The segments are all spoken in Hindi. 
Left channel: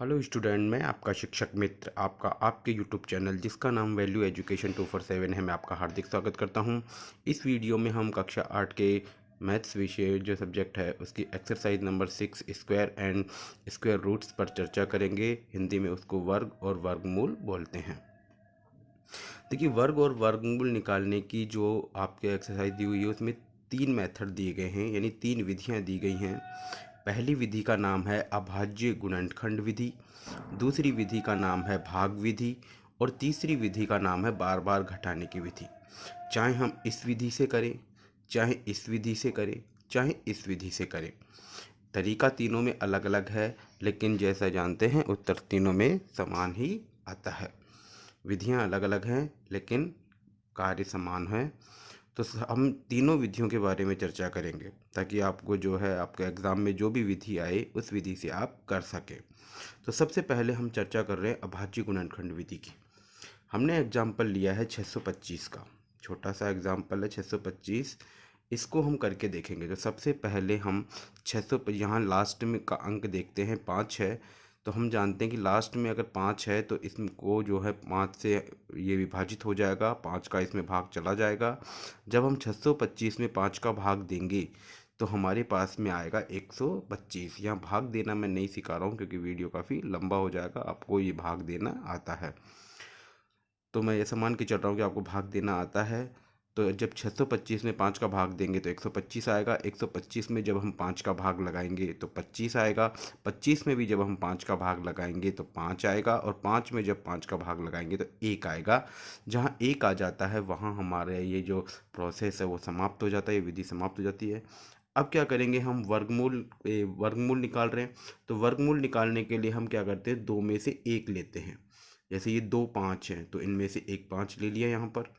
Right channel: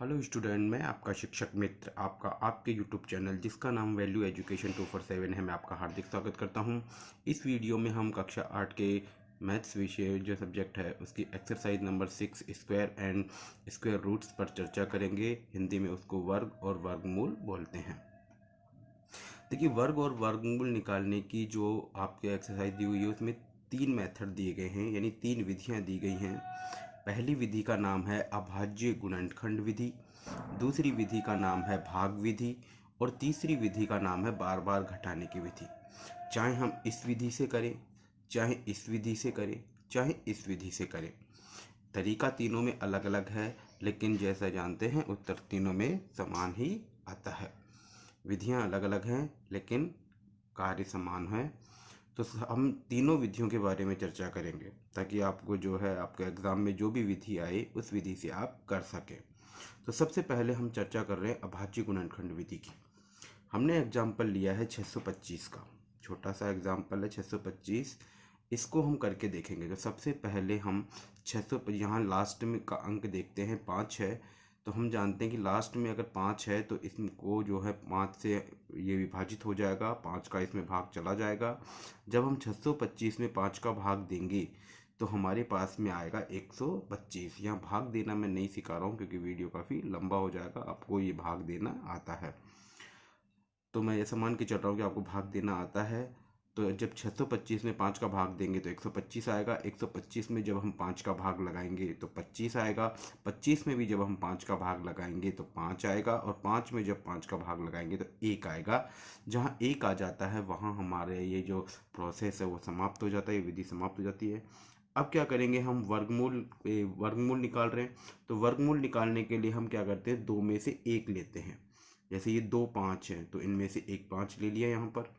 हेलो स्टूडेंट, मैं आपका शिक्षक मित्र आपका आपके यूट्यूब चैनल जिसका नाम वैल्यू एजुकेशन 247 है, मैं आपका हार्दिक स्वागत करता हूं। इस वीडियो में हम कक्षा 8 के मैथ्स विषय जो सब्जेक्ट है उसकी exercise number 6 square and square roots पर चर्चा करेंगे। हिंदी में उसको वर्ग और वर्गमूल बोलते हैं। देखिए, वर्ग और वर्गमूल निकालने की जो आपके एक्सरसाइज दी हुई है उसमें 3 मेथड दिए गए हैं, यानी 3 विधियां दी गई हैं। पहली विधि का नाम है अभाज्य गुणनखंड विधि, दूसरी विधि का नाम है भाग विधि और तीसरी विधि का नाम है बार बार घटाने की विधि। चाहे हम इस विधि से करें, चाहे इस विधि से करें, चाहे इस विधि से करें, तरीका तीनों में अलग अलग है, लेकिन जैसा जानते हैं उत्तर तीनों में समान ही आता है। विधियां अलग अलग हैं लेकिन कार्य समान है। तो हम तीनों विधियों के बारे में चर्चा करेंगे ताकि आपको जो है आपके एग्ज़ाम में जो भी विधि आए उस विधि से आप कर सकें। तो सबसे पहले हम चर्चा कर रहे हैं अभाज्य गुणनखंड विधि की। हमने एग्जाम्पल लिया है 625 का, छोटा सा एग्जाम्पल है 625। इसको हम करके देखेंगे। तो सबसे पहले हम 600 यहाँ लास्ट में का अंक देखते हैं, 5 है। तो हम जानते हैं कि लास्ट में अगर 5 है तो इसको जो है 5 से ये विभाजित हो जाएगा, 5 का इसमें भाग चला जाएगा। जब हम 625 में 5 का भाग देंगे तो हमारे पास में आएगा 125। यहाँ भाग देना मैं नहीं सिखा रहा हूँ क्योंकि वीडियो काफ़ी लंबा हो जाएगा, आपको ये भाग देना आता है। तो मैं ऐसा मान के चल रहा हूँ कि आपको भाग देना आता है। तो जब 625 में 5 का भाग देंगे तो 125 आएगा। 125 में जब हम 5 का भाग लगाएंगे तो 25 आएगा। 25 में भी जब हम 5 का भाग लगाएंगे तो 5 आएगा और 5 में जब 5 का भाग लगाएंगे तो 1 आएगा। जहाँ 1 आ जाता है वहाँ हमारे ये जो प्रोसेस है वो समाप्त हो जाता है, ये विधि समाप्त हो जाती है। अब क्या करेंगे, हम वर्गमूल निकाल रहे हैं। तो वर्गमूल निकालने के लिए हम क्या करते हैं, 2 में से 1 लेते हैं। जैसे ये 2 5 हैं तो इनमें से एक 5 ले लिया यहाँ पर।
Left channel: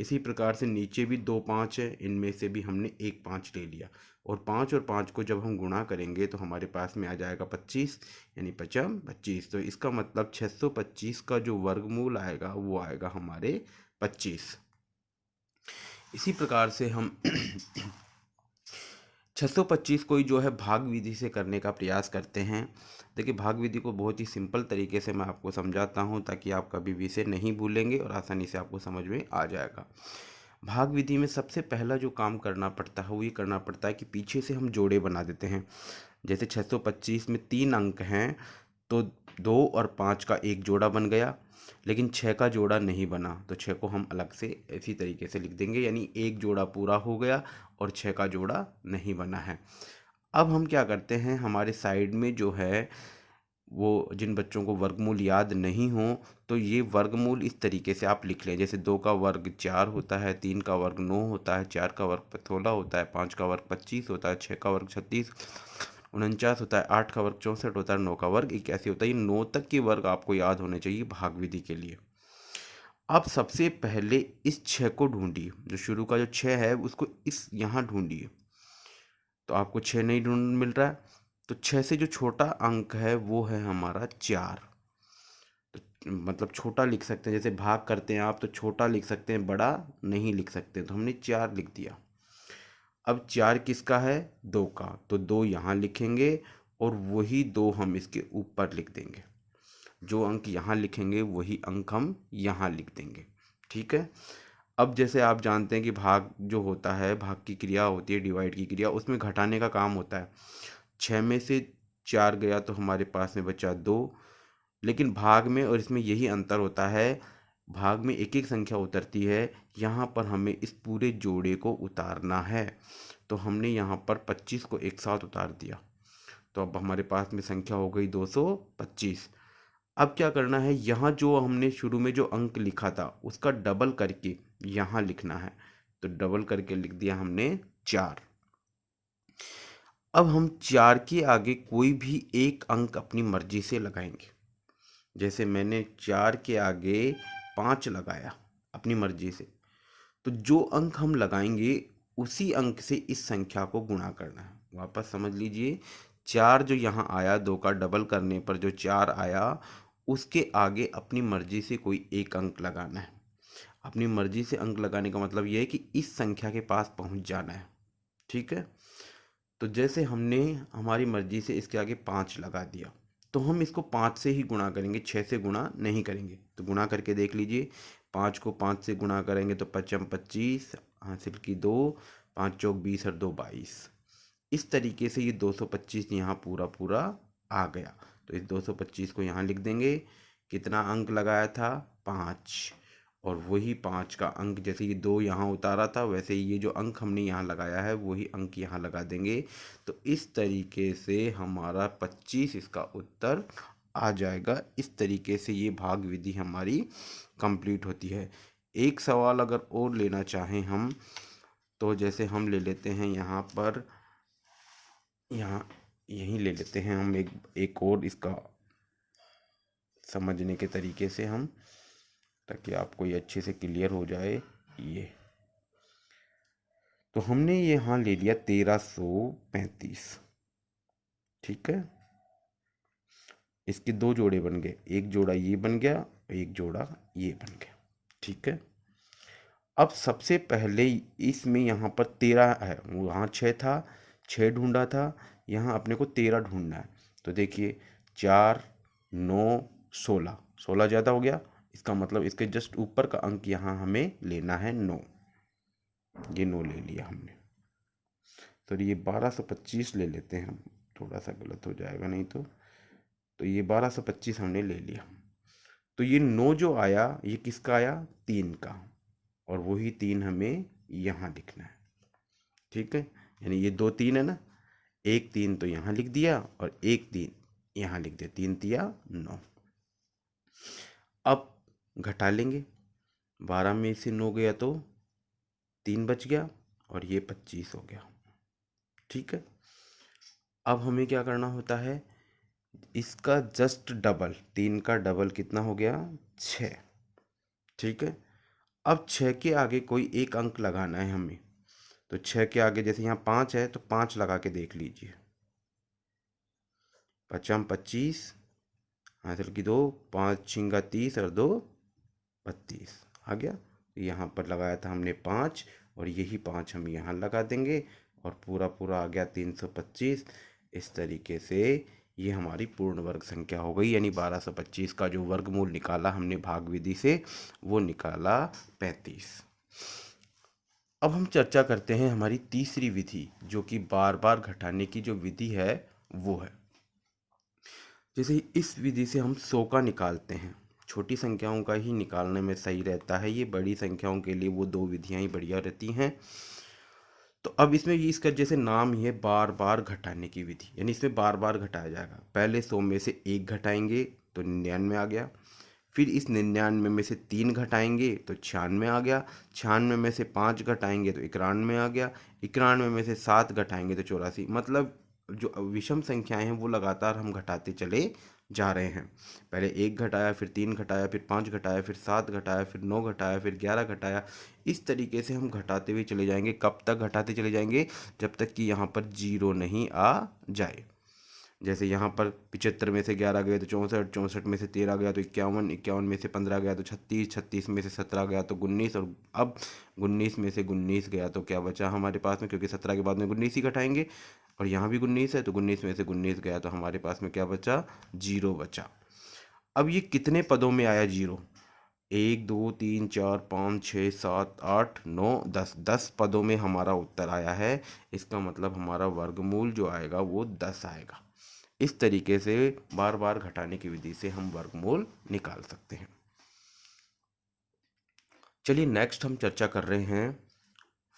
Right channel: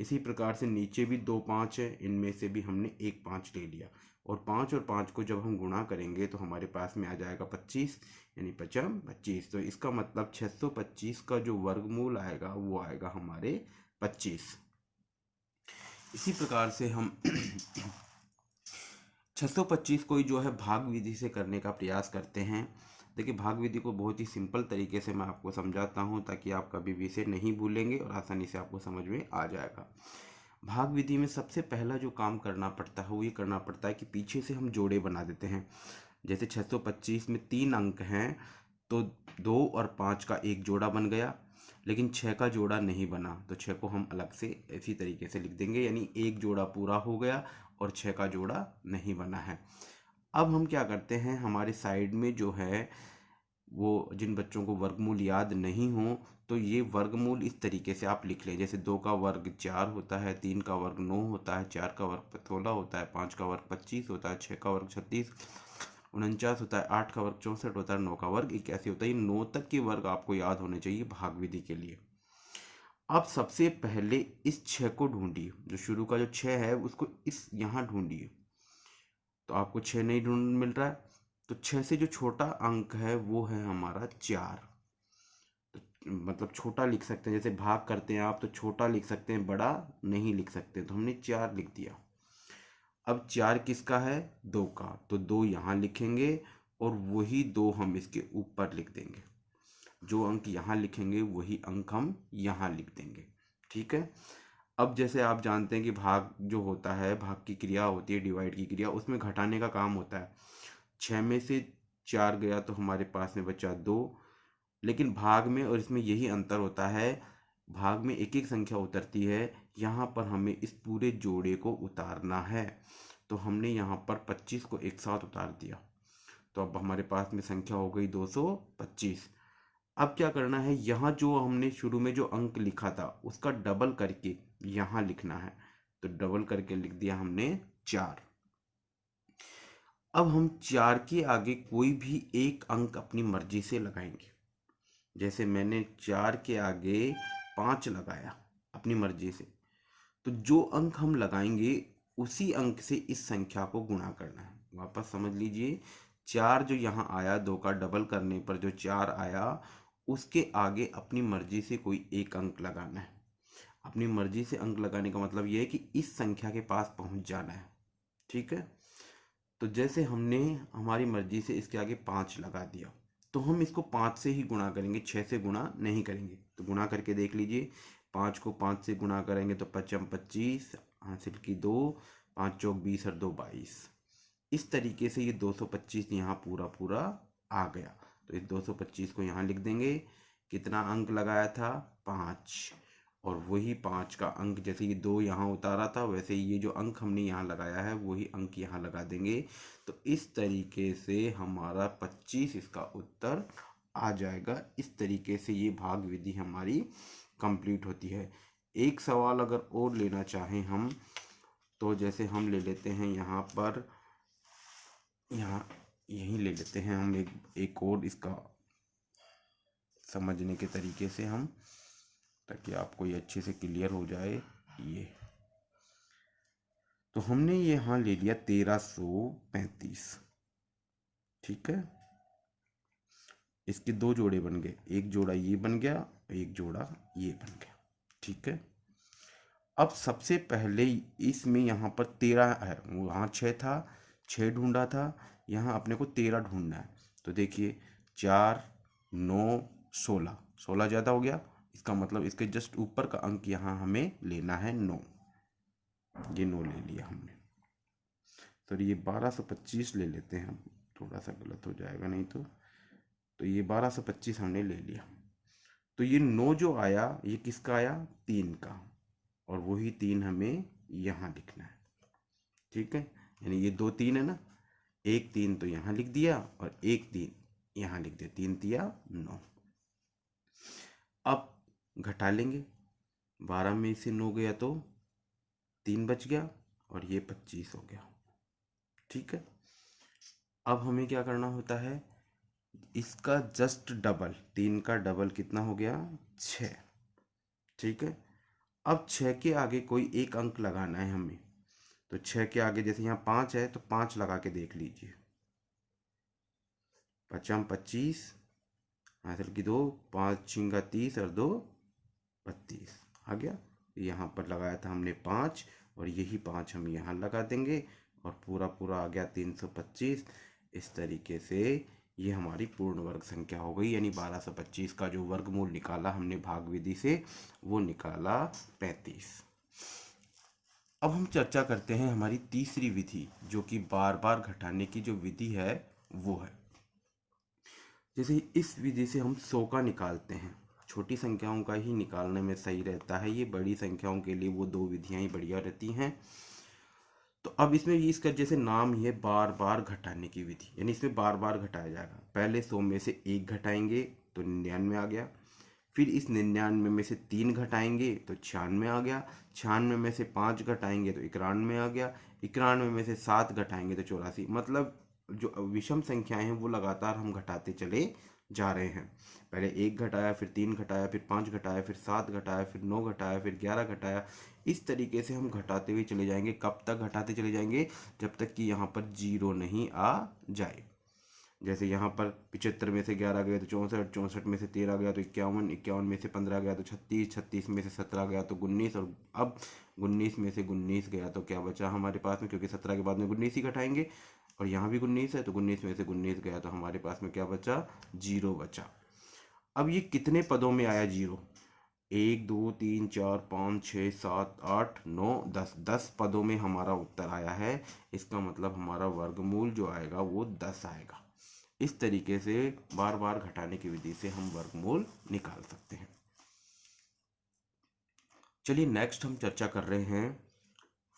इसी प्रकार से नीचे भी 2 5 है, इनमें से भी हमने एक 5 ले लिया। और 5 और 5 को जब हम गुणा करेंगे तो हमारे पास में आ जाएगा 25, यानी 5 25। तो इसका मतलब 625 का जो वर्गमूल आएगा वो आएगा हमारे 25। इसी प्रकार से हम 625 को ही जो है भाग विधि से करने का प्रयास करते हैं। देखिए, भाग विधि को बहुत ही सिंपल तरीके से मैं आपको समझाता हूँ ताकि आप कभी भी इसे नहीं भूलेंगे और आसानी से आपको समझ में आ जाएगा। भाग विधि में सबसे पहला जो काम करना पड़ता है वो ये करना पड़ता है कि पीछे से हम जोड़े बना देते हैं। जैसे 625 में 3 अंक हैं तो 2 और 5 का एक जोड़ा बन गया, लेकिन 6 का जोड़ा नहीं बना। तो 6 को हम अलग से इसी तरीके से लिख देंगे, यानी एक जोड़ा पूरा हो गया और 6 का जोड़ा नहीं बना है। अब हम क्या करते हैं, हमारे साइड में जो है वो जिन बच्चों को वर्गमूल याद नहीं हो तो ये वर्गमूल इस तरीके से आप लिख लें। जैसे 2 का वर्ग 4 होता है, 3 का वर्ग 9 होता है, 4 का वर्ग 16 होता है, 5 का वर्ग 25 होता है, 6 का वर्ग 36 49 होता है, 8 का वर्ग 64 होता है, 9 का वर्ग 81 होता है। ये 9 तक के वर्ग आपको याद होने चाहिए भाग विधि के लिए। आप सबसे पहले इस 6 को ढूंढिए, जो शुरू का जो 6 है उसको इस यहाँ ढूंढिए। तो आपको 6 नहीं ढूंढ मिल रहा है तो 6 से जो छोटा अंक है वो है हमारा 4। तो मतलब छोटा लिख सकते हैं, जैसे भाग करते हैं आप तो छोटा लिख सकते हैं, बड़ा नहीं लिख सकते। तो हमने 4 लिख दिया। अब 4 किसका है, 2 का, तो 2 यहाँ लिखेंगे और वही 2 हम इसके ऊपर लिख देंगे। जो अंक यहाँ लिखेंगे वही अंक हम यहाँ लिख देंगे। ठीक है। अब जैसे आप जानते हैं कि भाग जो होता है, भाग की क्रिया होती है, डिवाइड की क्रिया, उसमें घटाने का काम होता है। 6 में से 4 गया तो हमारे पास में बचा 2। लेकिन भाग में और इसमें यही अंतर होता है, भाग में एक एक संख्या उतरती है, यहाँ पर हमें इस पूरे जोड़े को उतारना है। तो हमने यहाँ पर 25 को एक साथ उतार दिया। तो अब हमारे पास में संख्या हो गई 225। अब क्या करना है, यहाँ जो हमने शुरू में जो अंक लिखा था उसका डबल करके यहाँ लिखना है। तो डबल करके लिख दिया हमने 4। अब हम 4 के आगे कोई भी एक अंक अपनी मर्जी से लगाएंगे। जैसे मैंने 4 के आगे 5 लगाया अपनी मर्जी से, तो जो अंक हम लगाएंगे उसी अंक से इस संख्या को गुणा करना है। वापस समझ लीजिए, 4 जो यहाँ आया, 2 का डबल करने पर जो 4 आया उसके आगे अपनी मर्जी से कोई एक अंक लगाना है। अपनी मर्जी से अंक लगाने का मतलब ये है कि इस संख्या के पास पहुँच जाना है। ठीक है। तो जैसे हमने हमारी मर्जी से इसके आगे 5 लगा दिया तो हम इसको 5 से ही गुणा करेंगे, 6 से गुणा नहीं करेंगे। तो गुणा करके देख लीजिए, 5 को 5 से गुणा करेंगे तो 5 25 हासिल की 2, 5 चौक 20 और 2 22। इस तरीके से ये 225 यहाँ पूरा पूरा आ गया। तो इस 225 को यहाँ लिख देंगे। कितना अंक लगाया था? 5। और वही 5 का अंक, जैसे ये 2 यहाँ उतारा था वैसे ही ये जो अंक हमने यहाँ लगाया है वही अंक यहाँ लगा देंगे। तो इस तरीके से हमारा 25 इसका उत्तर आ जाएगा। इस तरीके से ये भाग विधि हमारी कंप्लीट होती है। एक सवाल अगर और लेना चाहें हम, तो जैसे हम ले लेते हैं यहाँ पर, यहाँ यहीं ले लेते हैं हम एक और इसका समझने के तरीके से हम, ताकि आपको ये अच्छे से क्लियर हो जाए। ये तो हमने यहाँ ले लिया 1335, ठीक है। इसके 2 जोड़े बन गए, एक जोड़ा ये बन गया, एक जोड़ा ये बन गया, ठीक है। अब सबसे पहले इसमें यहाँ पर 13 है, वहाँ 6 था, 6 ढूंढा था, यहाँ अपने को 13 ढूंढना है। तो देखिए 4 9 16, 16 ज़्यादा हो गया, इसका मतलब इसके जस्ट ऊपर का अंक यहाँ हमें लेना है 9। ये 9 ले लिया हमने। तो ये 1225 ले लेते हैं हम, थोड़ा सा गलत हो जाएगा नहीं तो ये 1225 हमने ले लिया। तो ये 9 जो आया ये किसका आया? 3 का, और वही 3 हमें यहाँ लिखना है, ठीक है। यानी ये 2 3 है ना, एक 3 तो यहाँ लिख दिया और एक 3 यहाँ लिख दिया, 3 तिया 9। अब घटा लेंगे, 12 में से 9 गया तो 3 बच गया और ये 25 हो गया, ठीक है। अब हमें क्या करना होता है, इसका जस्ट डबल, 3 का डबल कितना हो गया? 6, ठीक है। अब 6 के आगे कोई एक अंक लगाना है हमें। तो 6 के आगे जैसे यहाँ 5 है तो 5 लगा के देख लीजिए। 5 25 हासिल की 2, 5 छिंगा 30 और 2 32 आ गया। यहाँ पर लगाया था हमने 5 और यही 5 हम यहाँ लगा देंगे और पूरा पूरा आ गया 325। इस तरीके से ये हमारी पूर्ण वर्ग संख्या हो गई, यानी 1225 का जो वर्गमूल निकाला हमने भाग विधि से वो निकाला 35। अब हम चर्चा करते हैं हमारी तीसरी विधि, जो कि बार बार घटाने की जो विधि है वो है। जैसे इस विधि से हम 100 का निकालते हैं, छोटी संख्याओं का ही निकालने में सही रहता है, ये बड़ी संख्याओं के लिए वो 2 विधियाँ ही बढ़िया रहती हैं। तो अब इसमें ये इसका जैसे नाम ही है बार बार घटाने की विधि, यानी इसमें बार बार घटाया जाएगा। पहले 100 में से 1 घटाएंगे तो 99 आ गया, फिर इस 99 में से 3 घटाएंगे तो 96 आ गया, 96 में से 5 घटाएंगे तो 91 आ गया, 91 में से 7 घटाएंगे तो 84। मतलब जो विषम संख्याएं हैं वो लगातार हम घटाते चले जा रहे हैं। पहले 1 घटाया, फिर 3 घटाया, फिर 5 घटाया, फिर 7 घटाया, फिर 9 घटाया, फिर 11 घटाया। इस तरीके से हम घटाते हुए चले जाएंगे। कब तक घटाते चले जाएंगे? जब तक कि यहाँ पर 0 नहीं आ जाए। जैसे यहाँ पर 75 में से 11 गए तो 64, 64 में से 13 गया तो 51, 51 में से 15 गया तो 36, 36 में से 17 गया तो 19, और अब 19 में से 19 गया तो क्या बचा हमारे पास में? क्योंकि 17 के बाद में 19 ही घटाएंगे और यहाँ भी 19 है तो 19 में से 19 गया तो हमारे पास में क्या बचा? 0 बचा। अब ये कितने पदों में आया 0? 1 2 3 4 5 6 7 8 9 10, 10 पदों में हमारा उत्तर आया है। इसका मतलब हमारा वर्गमूल जो आएगा वो 10 आएगा। इस तरीके से बार बार घटाने की विधि से हम वर्गमूल निकाल सकते हैं। चलिए नेक्स्ट हम चर्चा कर रहे हैं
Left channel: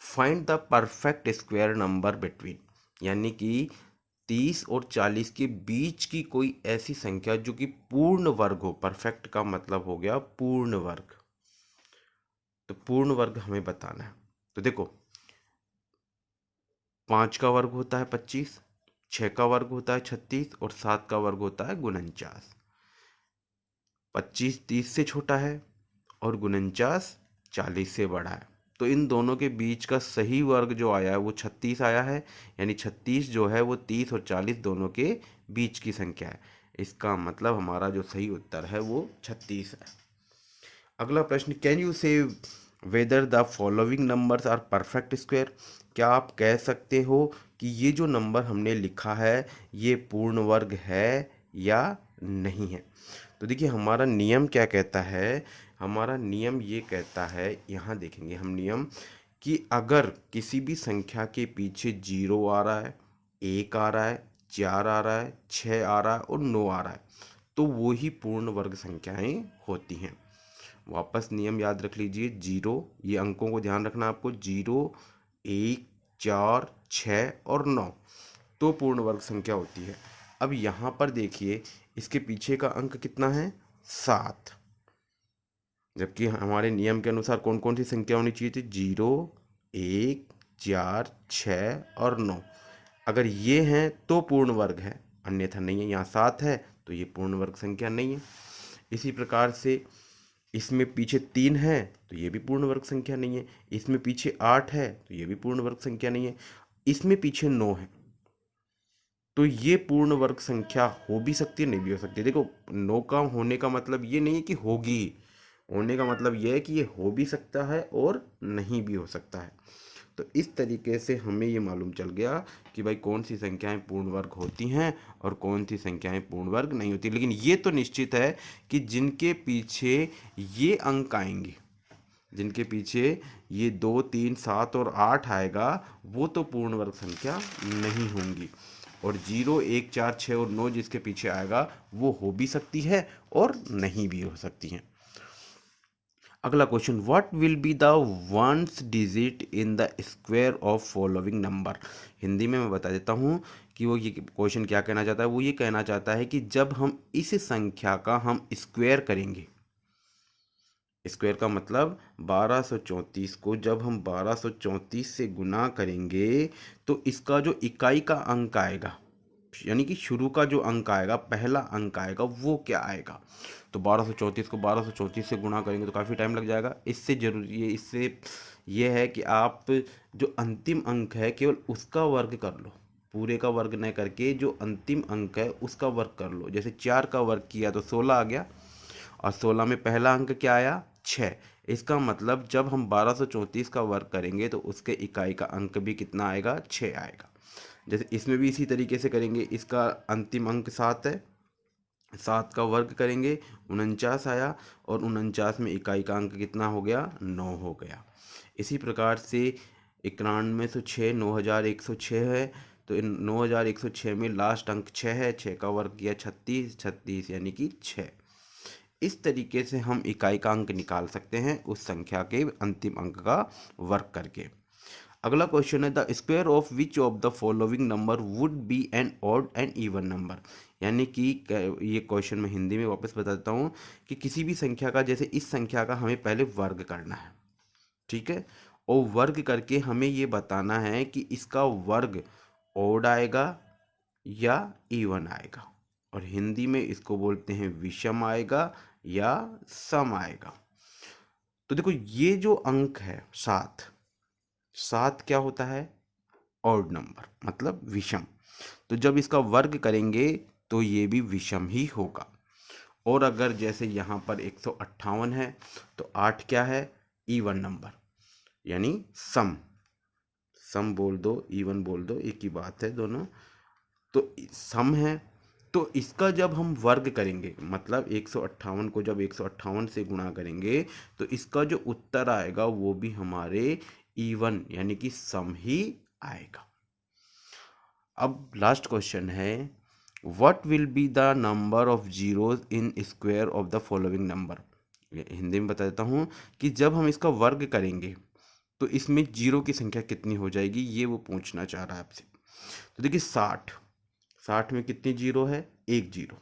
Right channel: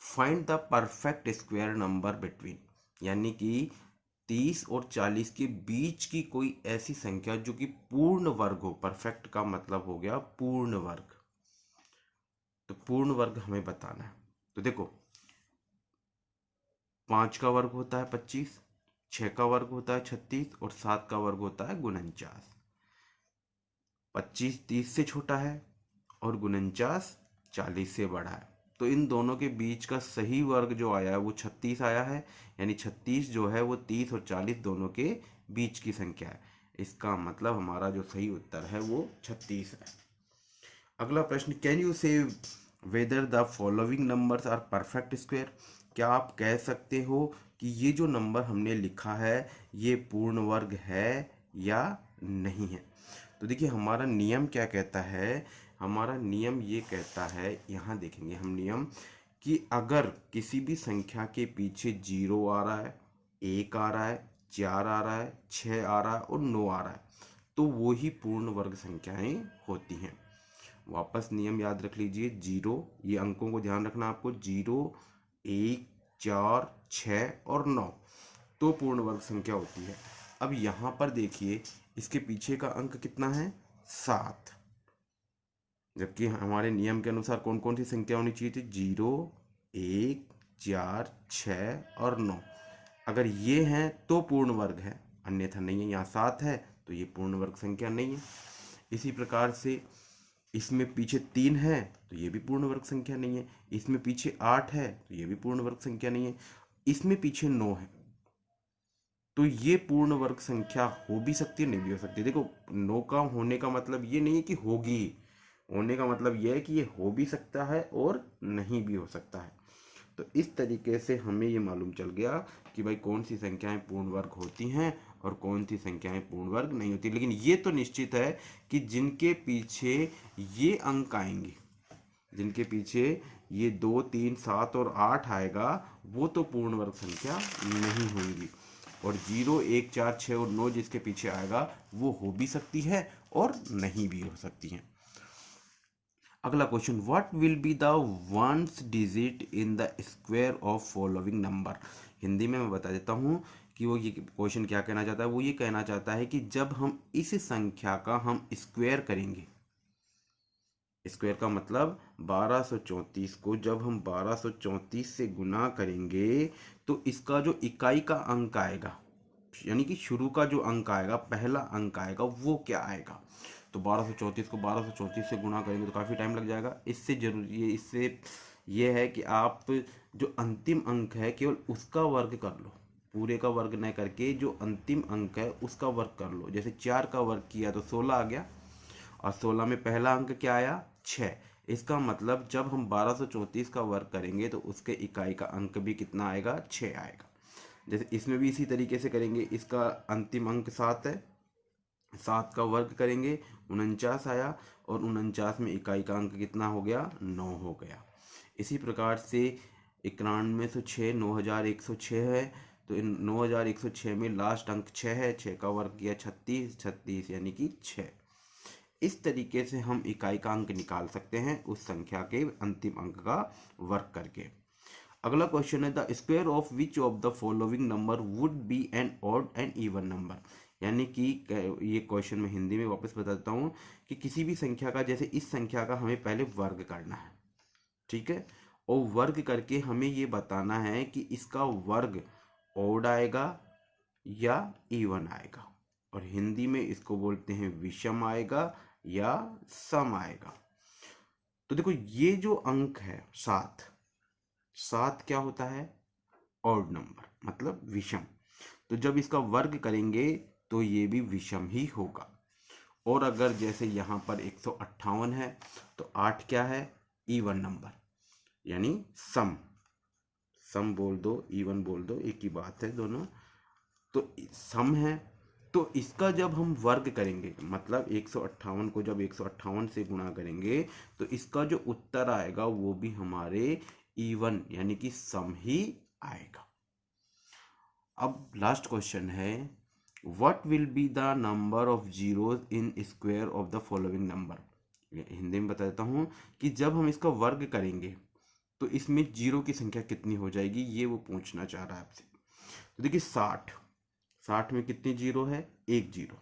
find the perfect square number between, यानी कि 30 और 40 के बीच की कोई ऐसी संख्या जो कि पूर्ण वर्ग हो। परफेक्ट का मतलब हो गया पूर्ण वर्ग। तो पूर्ण वर्ग हमें बताना है। तो देखो 5 का वर्ग होता है 25, 6 का वर्ग होता है 36 और 7 का वर्ग होता है 49। 25 30 से छोटा है और 49 40 से बड़ा है। तो इन दोनों के बीच का सही वर्ग जो आया है वो 36 आया है, यानी 36 जो है वो 30 और 40 दोनों के बीच की संख्या है। इसका मतलब हमारा जो सही उत्तर है वो 36 है। अगला प्रश्न, can you say whether the following numbers are perfect square? क्या आप कह सकते हो कि ये जो नंबर हमने लिखा है ये पूर्ण वर्ग है या नहीं है। तो देखिए हमारा नियम क्या कहता है, हमारा नियम ये कहता है, यहाँ देखेंगे हम नियम, कि अगर किसी भी संख्या के पीछे 0 आ रहा है, 1 आ रहा है, 4 आ रहा है, 6 आ रहा है और 9 आ रहा है, तो वो ही पूर्ण वर्ग संख्याएं होती हैं। वापस नियम याद रख लीजिए, 0, ये अंकों को ध्यान रखना आपको, 0, 1, 4, 6 और 9 तो पूर्ण वर्ग संख्या होती है। अब यहाँ पर देखिए इसके पीछे का अंक कितना है, 7, जबकि हमारे नियम के अनुसार कौन कौन सी संख्या होनी चाहिए थी, 0, 1, 4, 6 और 9। अगर ये हैं तो पूर्ण वर्ग है, अन्यथा नहीं है। यहाँ 7 है तो ये पूर्ण वर्ग संख्या नहीं है। इसी प्रकार से इसमें पीछे 3 है तो ये भी पूर्ण वर्ग संख्या नहीं है। इसमें पीछे 8 है तो ये भी पूर्ण वर्ग संख्या नहीं है। इसमें पीछे 9 है तो ये पूर्ण वर्ग संख्या हो भी सकती है, नहीं भी हो सकती। देखो 9 का होने का मतलब ये नहीं है कि होगी, होने का मतलब ये है कि ये हो भी सकता है और नहीं भी हो सकता है। तो इस तरीके से हमें ये मालूम चल गया कि भाई कौन सी संख्याएं पूर्ण वर्ग होती हैं और कौन सी संख्याएं पूर्ण वर्ग नहीं होती। लेकिन ये तो निश्चित है कि जिनके पीछे ये अंक आएंगे, जिनके पीछे ये 2, 3, 7 और 8 आएगा, वो तो पूर्ण वर्ग संख्या नहीं होंगी। और 0, 1, 4, 6 और 9 जिसके पीछे आएगा वो हो भी सकती है और नहीं भी हो सकती हैं। अगला question, what will be the ones digit in the square of following number. Hindi में मैं बता देता हूँ कि वो ये क्वेश्चन क्या कहना चाहता है। वो ये कहना चाहता है कि जब हम इस संख्या का हम स्क्वायर करेंगे, स्क्वायर का मतलब 1234 को जब हम 1234 से गुना करेंगे तो इसका जो इकाई का अंक आएगा, यानी कि शुरू का जो अंक आएगा, पहला अंक आएगा, वो क्या आएगा। तो 1234 को 1234 से गुणा करेंगे तो काफ़ी टाइम लग जाएगा। इससे जरूरी है, इससे ये है कि आप जो अंतिम अंक है केवल उसका वर्ग कर लो, पूरे का वर्ग न करके जो अंतिम अंक है उसका वर्ग कर लो। जैसे 4 का वर्ग किया तो 16 आ गया और 16 में पहला अंक क्या आया, 6। इसका मतलब जब हम 1234 का वर्ग करेंगे तो उसके इकाई का अंक भी कितना आएगा, 6 आएगा। जैसे इसमें भी इसी तरीके से करेंगे, इसका अंतिम अंक 7 है, 7 का वर्ग करेंगे 49 आया और 49 में इकाई का अंक कितना हो गया, 9 हो गया। इसी प्रकार से 9106 9106 है तो 9106 में लास्ट अंक 6 है, 6 का वर्ग किया 36, 36 यानी कि 6। इस तरीके से हम इकाई का अंक निकाल सकते हैं उस संख्या के अंतिम अंक का वर्ग करके। अगला क्वेश्चन है, the square of which of the following number would be an odd and even number. यानी कि ये क्वेश्चन मैं हिंदी में वापस बता देता हूँ कि किसी भी संख्या का, जैसे इस संख्या का हमें पहले वर्ग करना है, ठीक है, और वर्ग करके हमें ये बताना है कि इसका वर्ग ऑड आएगा या इवन आएगा, और हिंदी में इसको बोलते हैं विषम आएगा या सम आएगा। तो देखो ये जो अंक है 7, 7 क्या होता है, ऑड नंबर मतलब विषम। तो जब इसका वर्ग करेंगे तो ये भी विषम ही होगा। और अगर जैसे यहाँ पर 158 है तो 8 क्या है, इवन नंबर यानी सम, सम बोल दो इवन बोल दो, एक ही बात है दोनों। तो सम है तो इसका जब हम वर्ग करेंगे, मतलब 158 को जब 158 से गुणा करेंगे तो इसका जो उत्तर आएगा वो भी हमारे इवन यानी कि सम ही आएगा। अब लास्ट क्वेश्चन है, what will be the number of zeros in square of the following number. Hindi में बता देता हूँ कि जब हम इसका वर्ग करेंगे तो इसमें जीरो की संख्या कितनी हो जाएगी, ये वो पूछना चाह रहा है आपसे। तो देखिए 60, 60 में कितनी जीरो है, एक जीरो।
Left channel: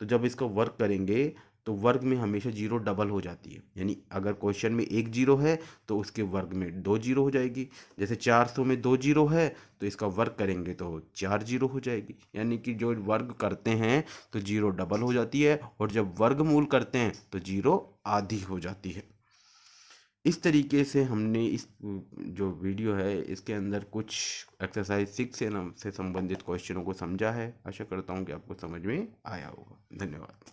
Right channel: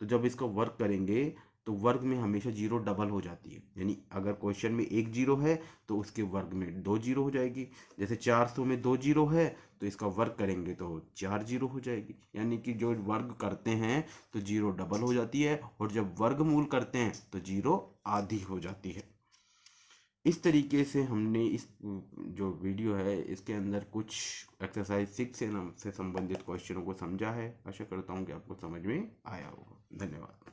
तो जब इसका वर्ग करेंगे तो वर्ग में हमेशा जीरो डबल हो जाती है, यानी अगर क्वेश्चन में एक जीरो है तो उसके वर्ग में दो जीरो हो जाएगी। जैसे 400 में दो जीरो है तो इसका वर्ग करेंगे तो 4 जीरो हो जाएगी, यानी कि जो वर्ग करते हैं तो जीरो डबल हो जाती है और जब वर्गमूल करते हैं तो जीरो आधी हो जाती है। इस तरीके से हमने इस जो वीडियो है इसके अंदर कुछ एक्सरसाइज 6 से संबंधित क्वेश्चनों को समझा है। आशा करता हूँ कि आपको समझ में आया होगा। धन्यवाद।